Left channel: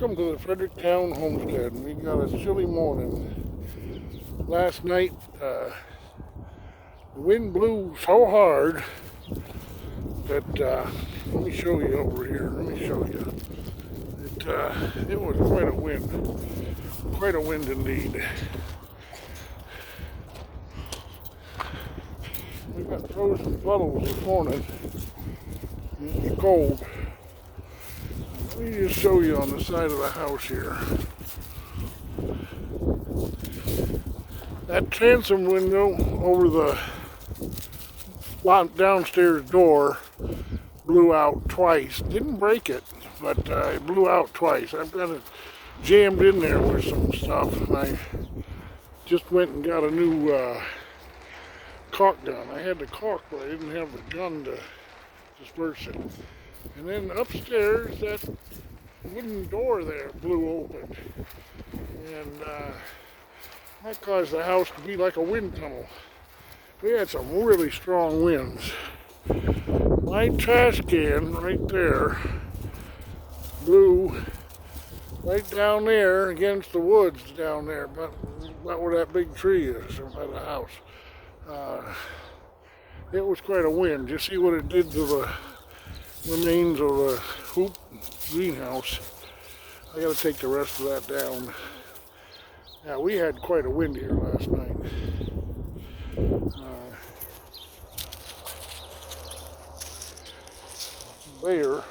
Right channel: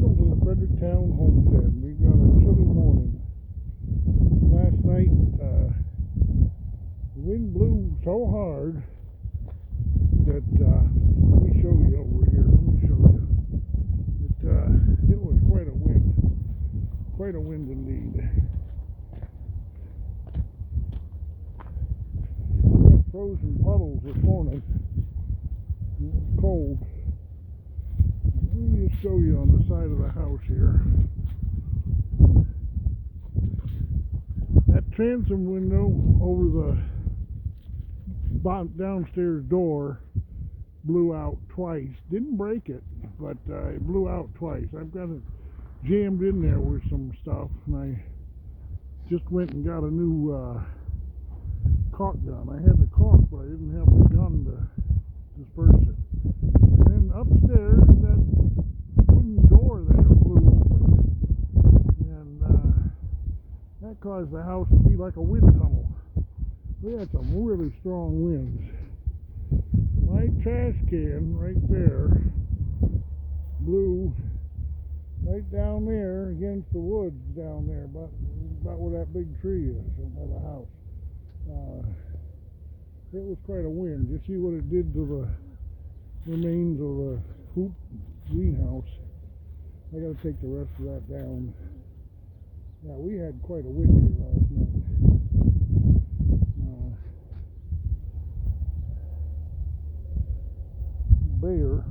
Welcome to the Fredericktown Homestead. We got a chilly morning. Last night, the wind blew so hard that, let me show you over here. Let me show you. It was quite a wind. Quite a wind indeed. We got frozen puddles this morning. It's cold. Let me just show you on the side of the house here. That transom window over the downstairs door blew out twice. Didn't break it, but it blew out twice. I've got it jammed in there with some stuff, and I just went and got a new caulk gun. I had the caulk, but I didn't have the gun to disperse it. And then upstairs, that wooden door there blew open, and that caused the house to be like a wind tunnel. We had some really strong winds. My trash can right there blew right down there against the woods down there, about where that big tree is by the house. It was quite a wind. You see what it did to the remains of a hoop greenhouse. I gotta take the rest of that down. Yeah, we had quite a wind here last night. Bear,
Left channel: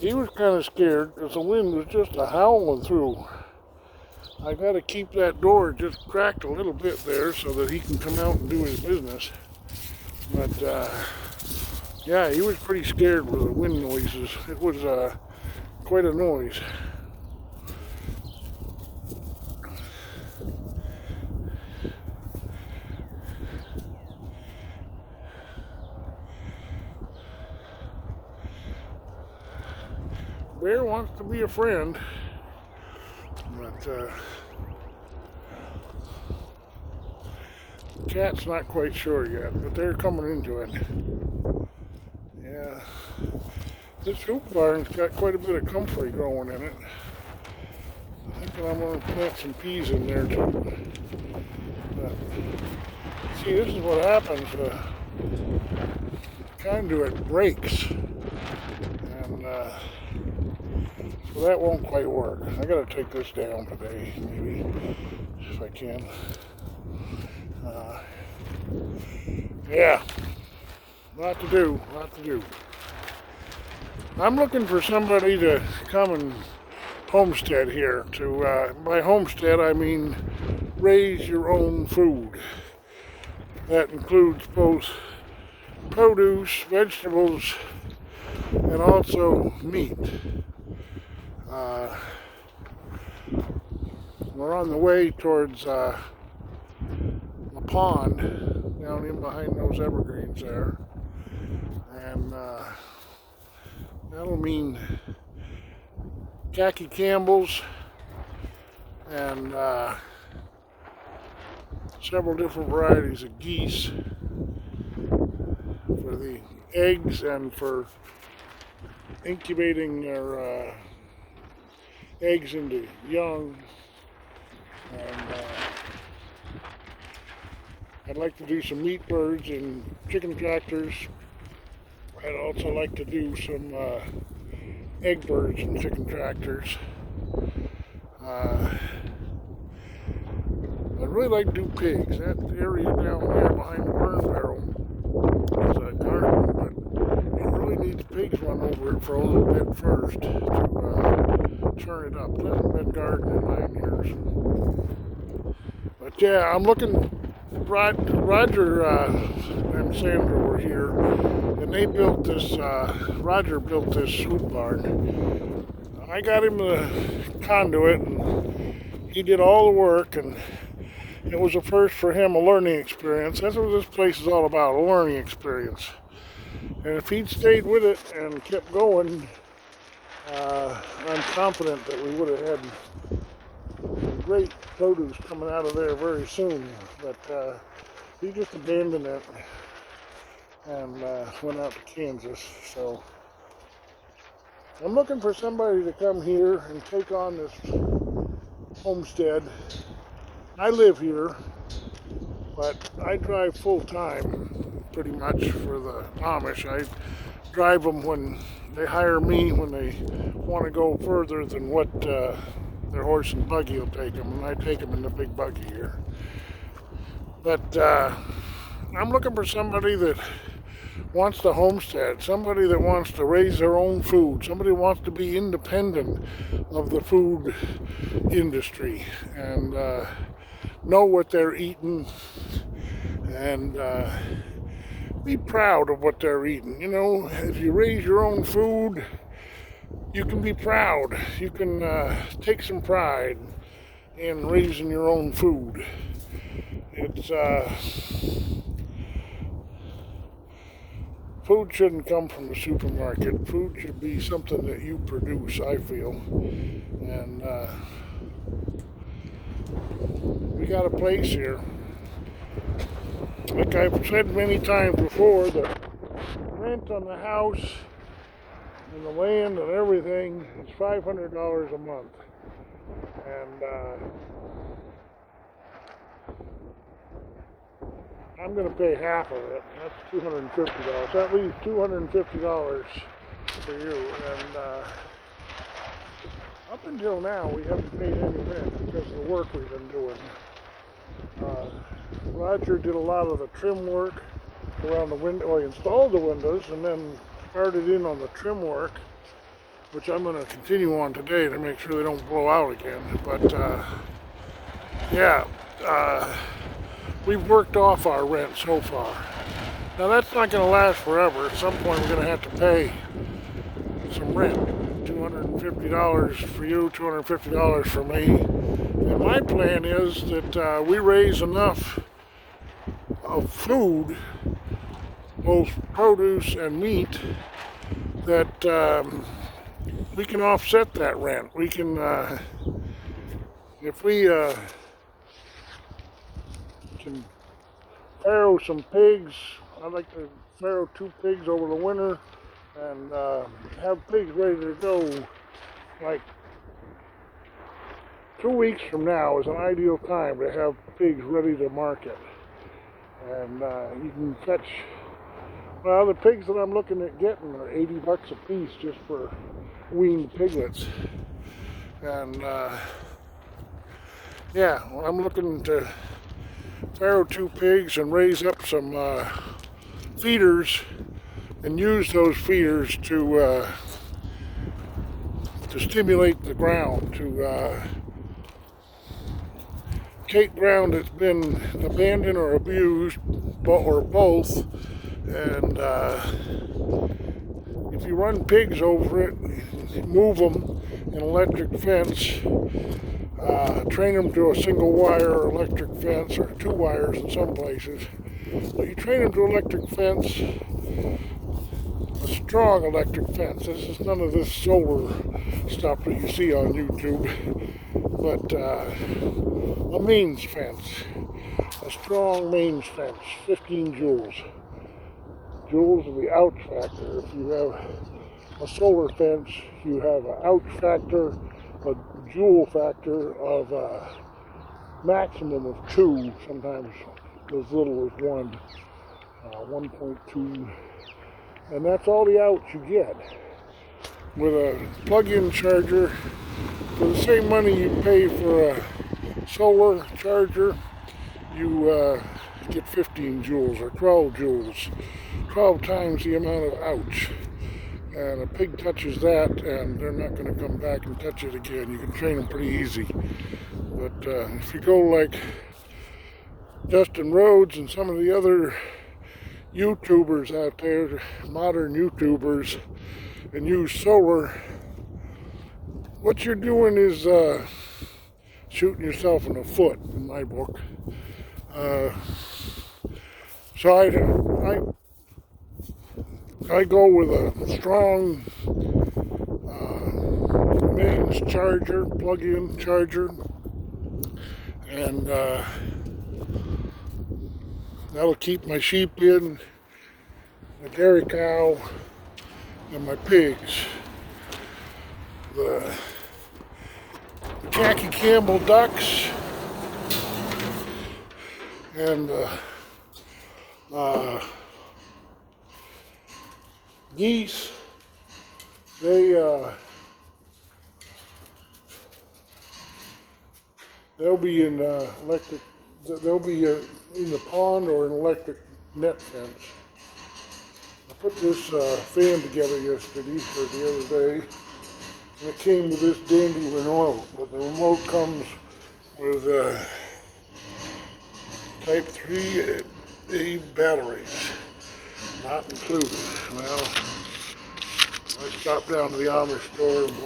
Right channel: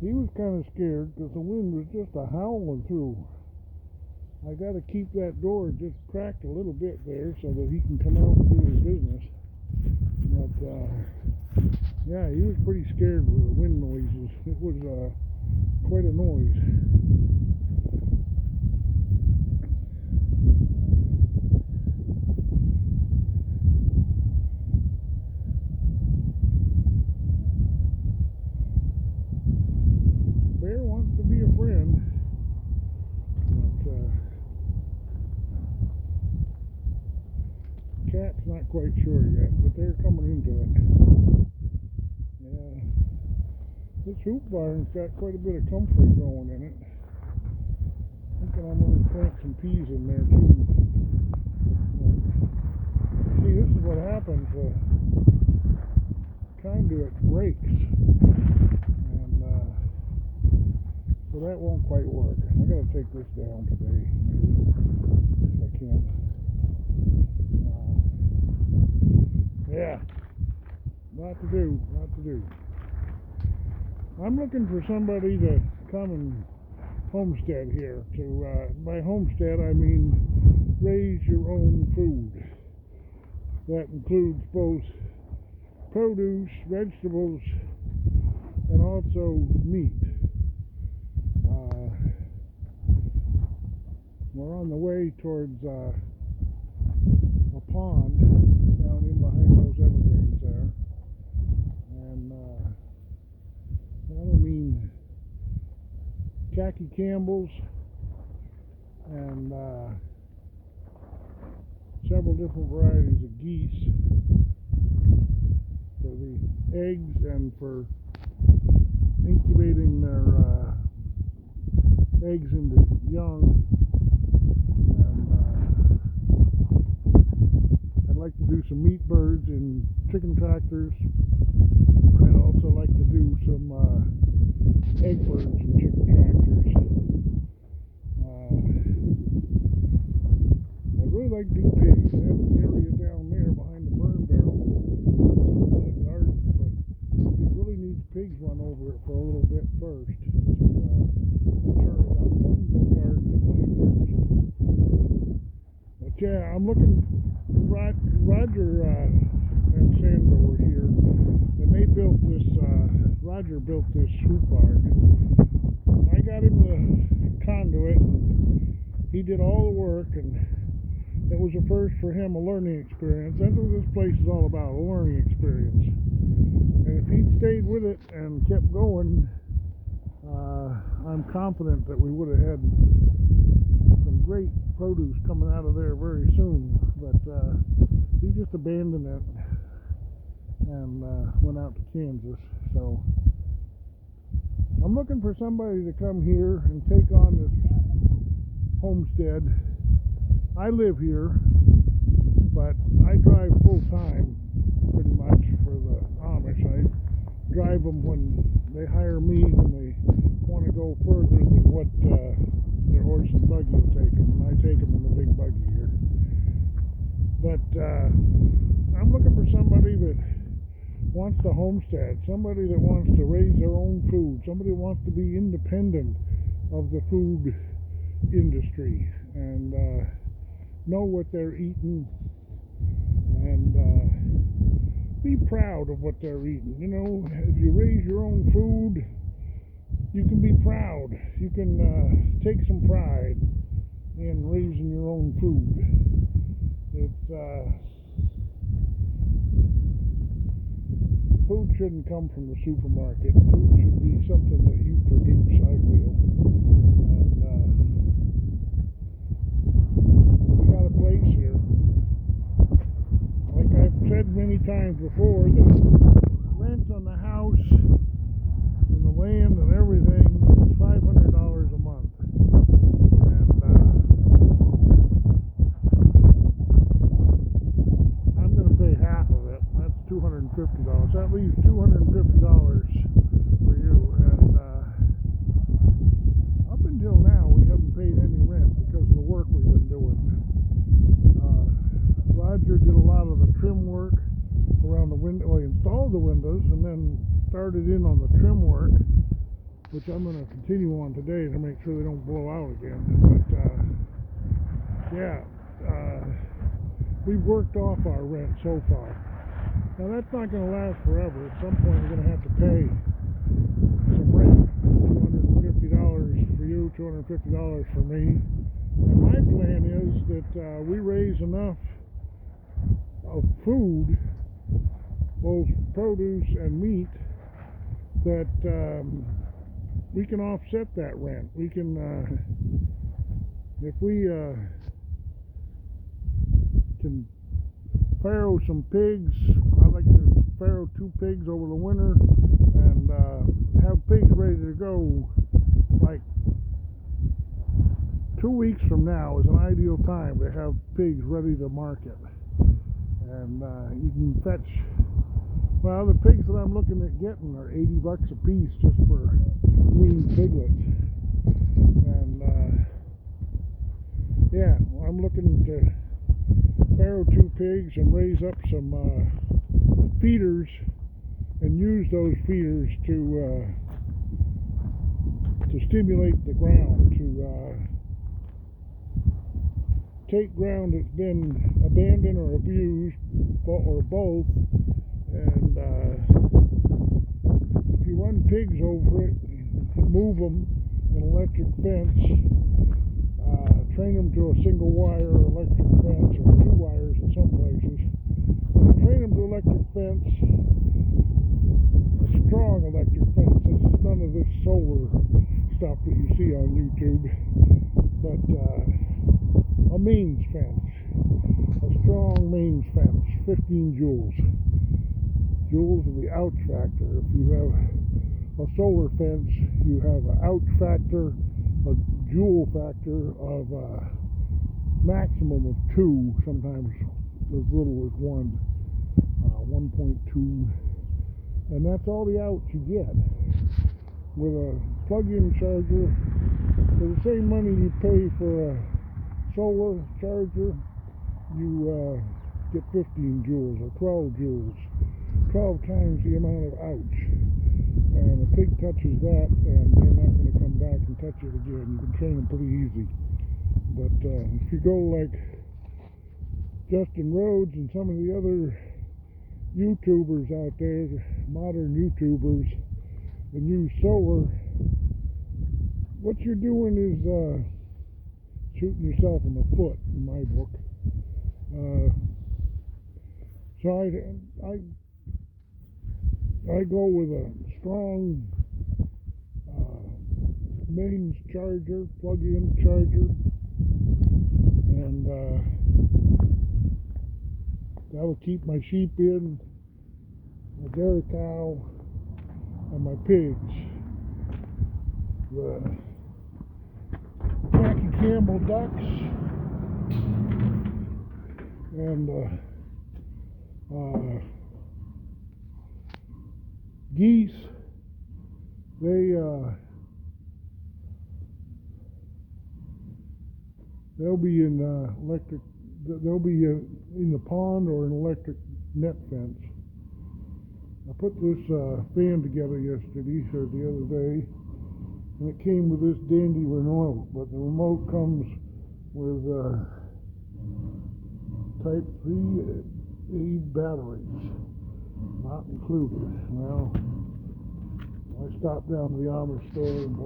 he was kind of scared because the wind was just a howling through. I gotta keep that door just cracked a little bit there so that he can come out and do his business. But yeah, he was pretty scared with the wind noises. It was quite a noise. Bear wants to be a friend, but cat's not quite sure yet, but they're coming into it. Yeah, this hoop barn's got quite a bit of comfrey growing in it. I'm thinking I'm going to plant some peas in there too. But, see, this is what happens. Conduit breaks, and so that won't quite work. I got to take this down today, maybe, if I can. Yeah, lot to do. I'm looking for somebody to come and homestead here. By homestead, I mean raise your own food. That includes both produce, vegetables, and also meat. We're on the way towards a pond down in behind those evergreens there, and that'll mean Jackie Campbell's and several different varieties of geese for the eggs and for incubating their eggs into young. I'd like to do some meat birds and chicken tractors. I'd also like to do some egg birds and chicken tractors. I'd really like to do pigs. That area down there behind the burn barrel is a garden, but it really needs pigs run over it for a little bit first to turn it up. It hasn't been gardened in 9 years. But yeah, I'm looking. Roger and Sandra were here, and they built this. Roger built this hoop barn. I got him the conduit, and he did all the work, and it was a first for him, a learning experience. That's what this place is all about, a learning experience. And if he'd stayed with it and kept going, I'm confident that we would have had some great produce coming out of there very soon. But he just abandoned it and went out to Kansas. So I'm looking for somebody to come here and take on this homestead. I live here, but I drive full time pretty much for the Amish. I drive them when they hire me, when they want to go further than what their horse and buggy will take them, and I take them in the big buggy here. But I'm looking for somebody that wants to homestead, somebody that wants to raise their own food, somebody who wants to be independent of the food industry and know what they're eating and be proud of what they're eating. You know, if you raise your own food, you can be proud. You can take some pride in raising your own food. It's food shouldn't come from the supermarket. Food should be something that you produce, I feel. And we got a place here. Like I've said many times before, the rent on the house and the land and everything is $500 a month. And I'm going to pay half of it. That's $250. That leaves $250 for you. And up until now, we haven't paid any rent because of the work we've been doing. Roger did a lot of the trim work around the window. Well, he installed the windows and then started in on the trim work, which I'm going to continue on today to make sure they don't blow out again. But yeah, we've worked off our rent so far. Now that's not going to last forever. At some point we're going to have to pay some rent. $250 for you, $250 for me. And my plan is that we raise enough of food, both produce and meat, that we can offset that rent. We can, if we can farrow some pigs. I like to farrow 2 pigs over the winter and have pigs ready to go. Like 2 weeks from now is an ideal time to have pigs ready to market. And you can fetch, well, the pigs that I'm looking at getting are $80 a piece just for weaned piglets. And yeah, well, I'm looking to farrow 2 pigs and raise up some feeders and use those feeders to stimulate the ground, to take ground that's been abandoned or abused, or both. And if you run pigs over it, move them in electric fence, train them to a single wire electric fence, or 2 wires in some places. When you train them to electric fence, a strong electric fence. This is none of this solar stuff that you see on YouTube, but a mains fence, a strong mains fence, 15 joules. Joules are the ouch factor. If you have a solar fence, you have an ouch factor, a joule factor of a maximum of 2, sometimes as little as 1.2, and that's all the ouch you get. With a plug-in charger, for the same money you pay for a solar charger, you get 15 joules or 12 joules, 12 times the amount of ouch. And a pig touches that and they're not going to come back and touch it again. You can train them pretty easy. But if you go like Dustin Rhodes and some of the other YouTubers out there, modern YouTubers, and use solar, what you're doing is shooting yourself in the foot, in my book. So I go with a strong mains charger, plug-in charger, and that'll keep my sheep in, my dairy cow, and my pigs. the Khaki Campbell ducks and geese. They'll be in electric. They'll be in the pond or an electric net fence. I put this fan together yesterday or the other day, and it came with this dandy remote. But the remote comes with Type 3A batteries, not included. Well, I stopped down to the Amish store and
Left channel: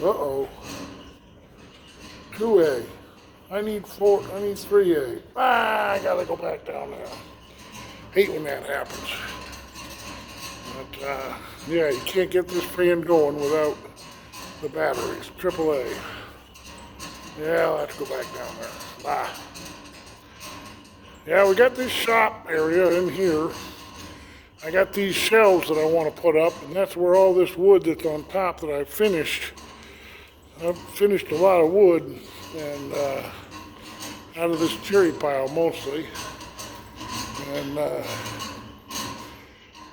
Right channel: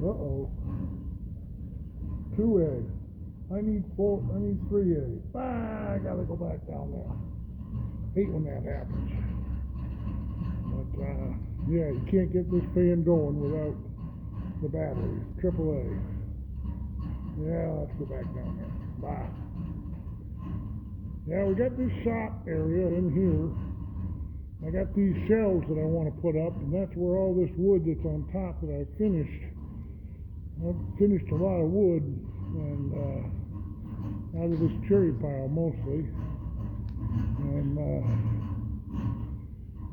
bought. 2A. I need 3A. I gotta go back down there. Hate when that happens. But yeah, you can't get this fan going without the batteries. AAA. Yeah, I'll have to go back down there. Yeah, we got this shop area in here. I got these shelves that I want to put up, and that's where all this wood that's on top that I finished. I've finished a lot of wood, and out of this cherry pile mostly. And I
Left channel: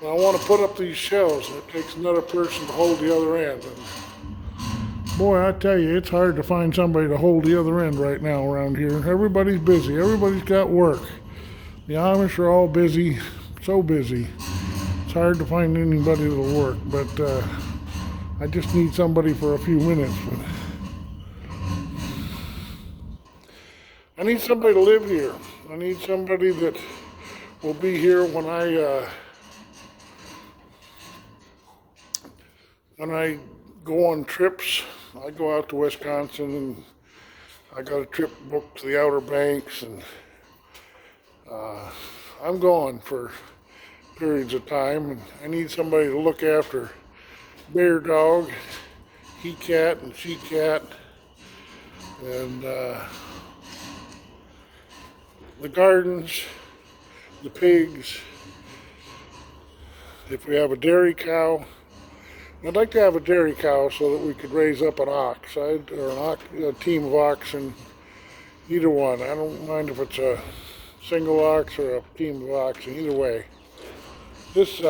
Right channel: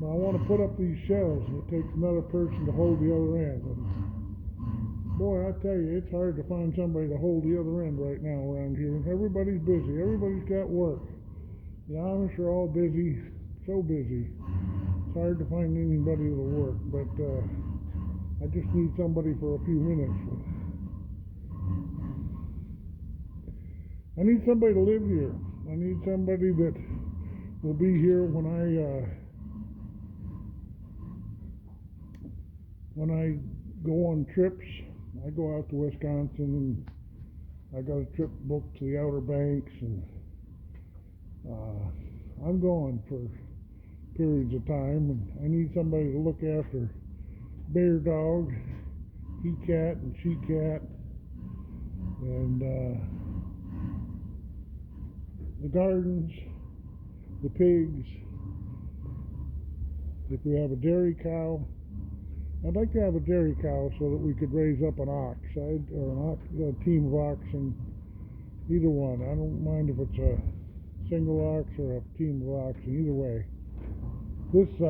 want to put up these shelves, and it takes another person to hold the other end. And boy, I tell you, it's hard to find somebody to hold the other end right now around here. Everybody's busy. Everybody's got work. The Amish are all busy, so busy. It's hard to find anybody that'll work, but I just need somebody for a few minutes. I need somebody to live here. I need somebody that will be here when I go on trips. I go out to Wisconsin, and I got a trip booked to the Outer Banks, and I'm gone for periods of time, and I need somebody to look after Bear Dog, He Cat, and She Cat, and the gardens, the pigs. If we have a dairy cow, I'd like to have a dairy cow so that we could raise up an ox, or a team of oxen, either one. I don't mind if it's a single ox or a team of oxen, either way. This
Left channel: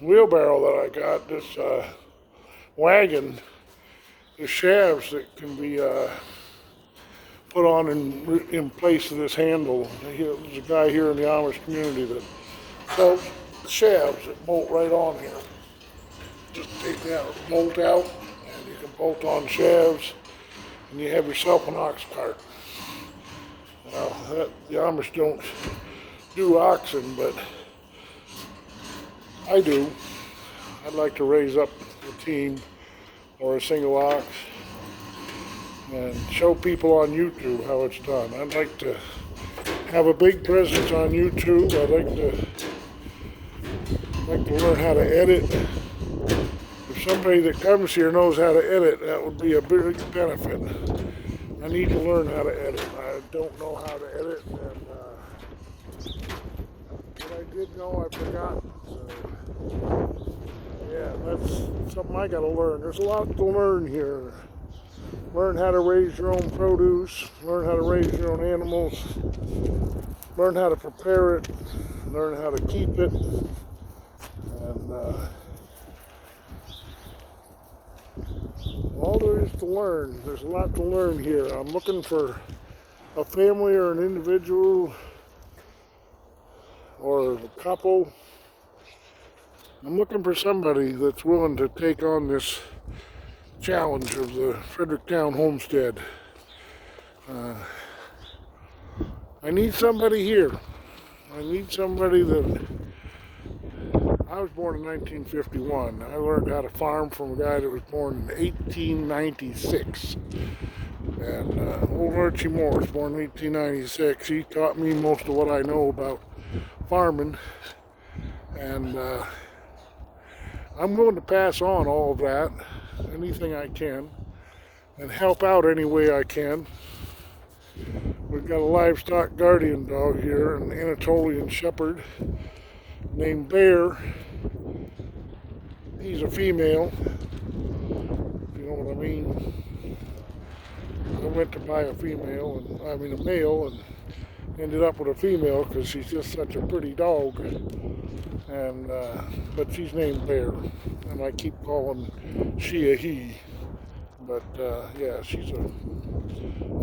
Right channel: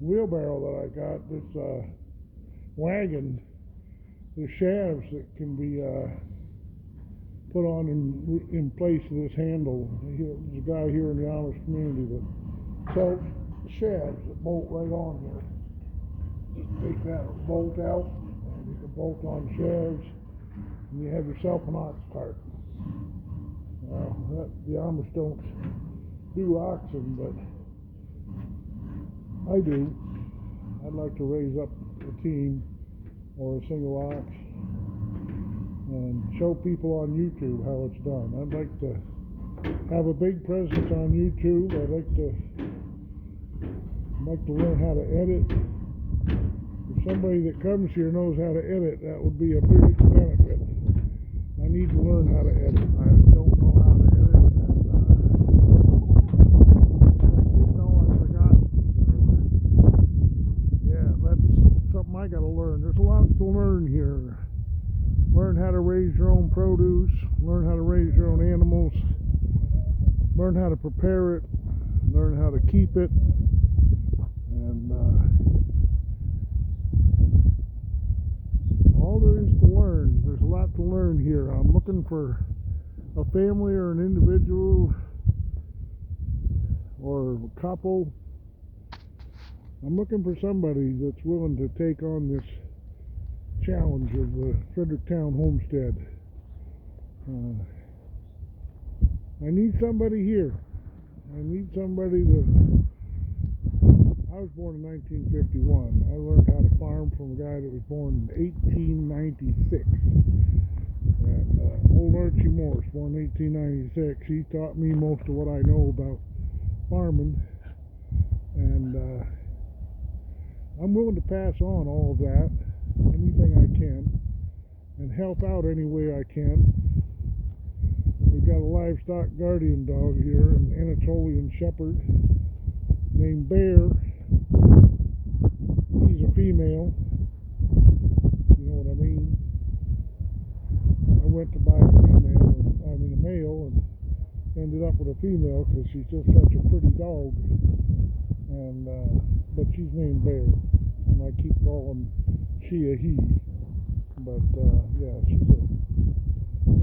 wheelbarrow that I got, this wagon, the shafts that can be put on in place of this handle. There's a guy here in the Amish community that sells shafts that bolt right on here. Just take that bolt out, and you can bolt on shafts, and you have yourself an ox cart. Well, the Amish don't do oxen, but I do. I'd like to raise up a team or a single ox and show people on YouTube how it's done. I'd like to have a big presence on YouTube. I'd like to learn how to edit. If somebody that comes here knows how to edit, that would be a big benefit. I need to learn how to edit. I don't know how to edit, and if I did know, I forgot. So, yeah, that's something I got to learn. There's a lot to learn here. Learn how to raise your own produce, learn how to raise your own animals, learn how to prepare it, learn how to keep it, and all there is to learn. There's a lot to learn here. I'm looking for a family or an individual or a couple. I'm looking for somebody that's willing to take on this challenge of the Fredericktown homestead. I need somebody here. I need somebody that... I was born in 1951. I learned how to farm from a guy that was born in 1896. And old Archie Morris, born in 1896. He taught me most of what I know about farming. And I'm willing to pass on all of that, anything I can, and help out any way I can. We've got a livestock guardian dog here, an Anatolian Shepherd named Bear. He's a female. I went to buy a female, a male, and ended up with a female because she's just such a pretty dog. And but she's named Bear, and I keep calling she a he. But yeah, she's a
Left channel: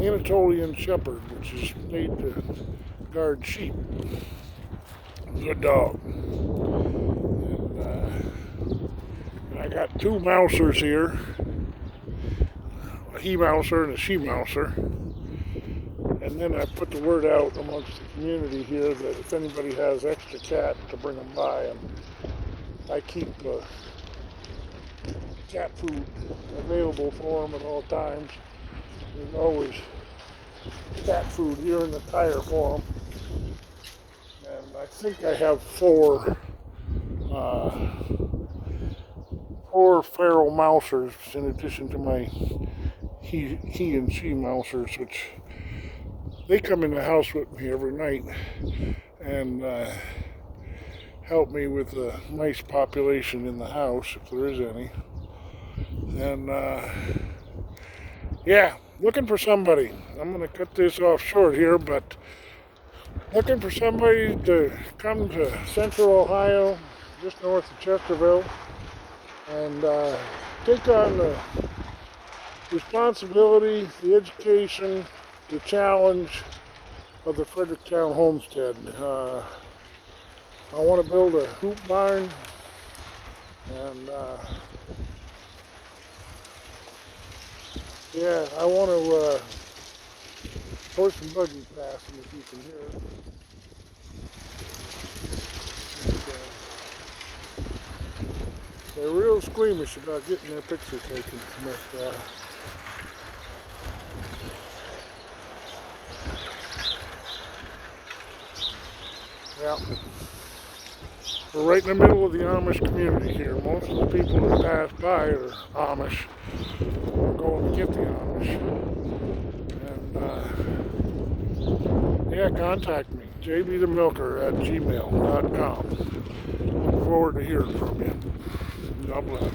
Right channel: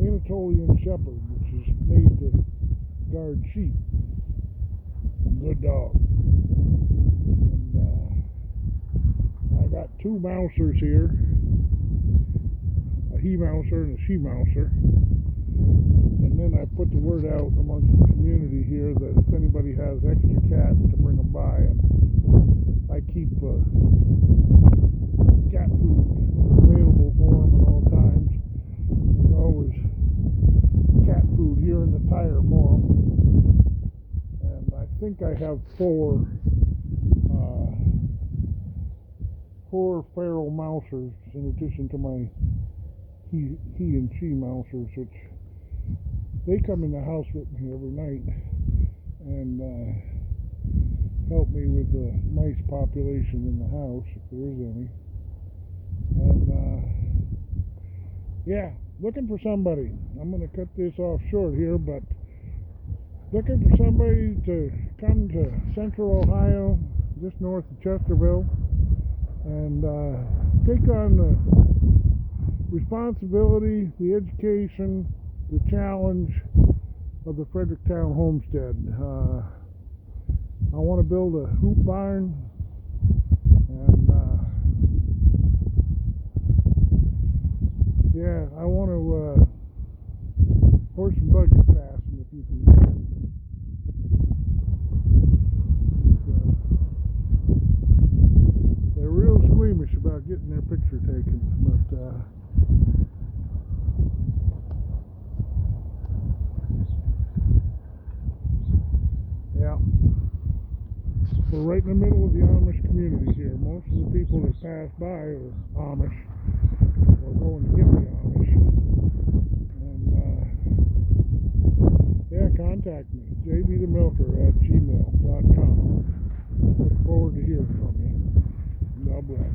Anatolian Shepherd, which is made to guard sheep. Good dog. And I got two mousers here, a he mouser and a she mouser. And then I put the word out amongst the community here that if anybody has extra cat, to bring them by. And I keep cat food available for them at all times. There's always cat food here in the tire for them. And I think I have four feral mousers in addition to my he and she mousers, which they come in the house with me every night and help me with the mice population in the house, if there is any. And yeah, looking for somebody. I'm going to cut this off short here, but looking for somebody to come to Central Ohio, just north of Chesterville, and take on the responsibility, the education, the challenge of the Fredericktown Homestead. I want to build a hoop barn, and yeah, I want to horse and buggy fast if you can hear it. They're real squeamish about getting their picture taken, but yeah, we're right in the middle of the Amish community here. Most of the people that pass by are Amish, or going to get the Amish. And yeah, contact me, jbthemilker@gmail.com. Look forward to hearing from you. God bless.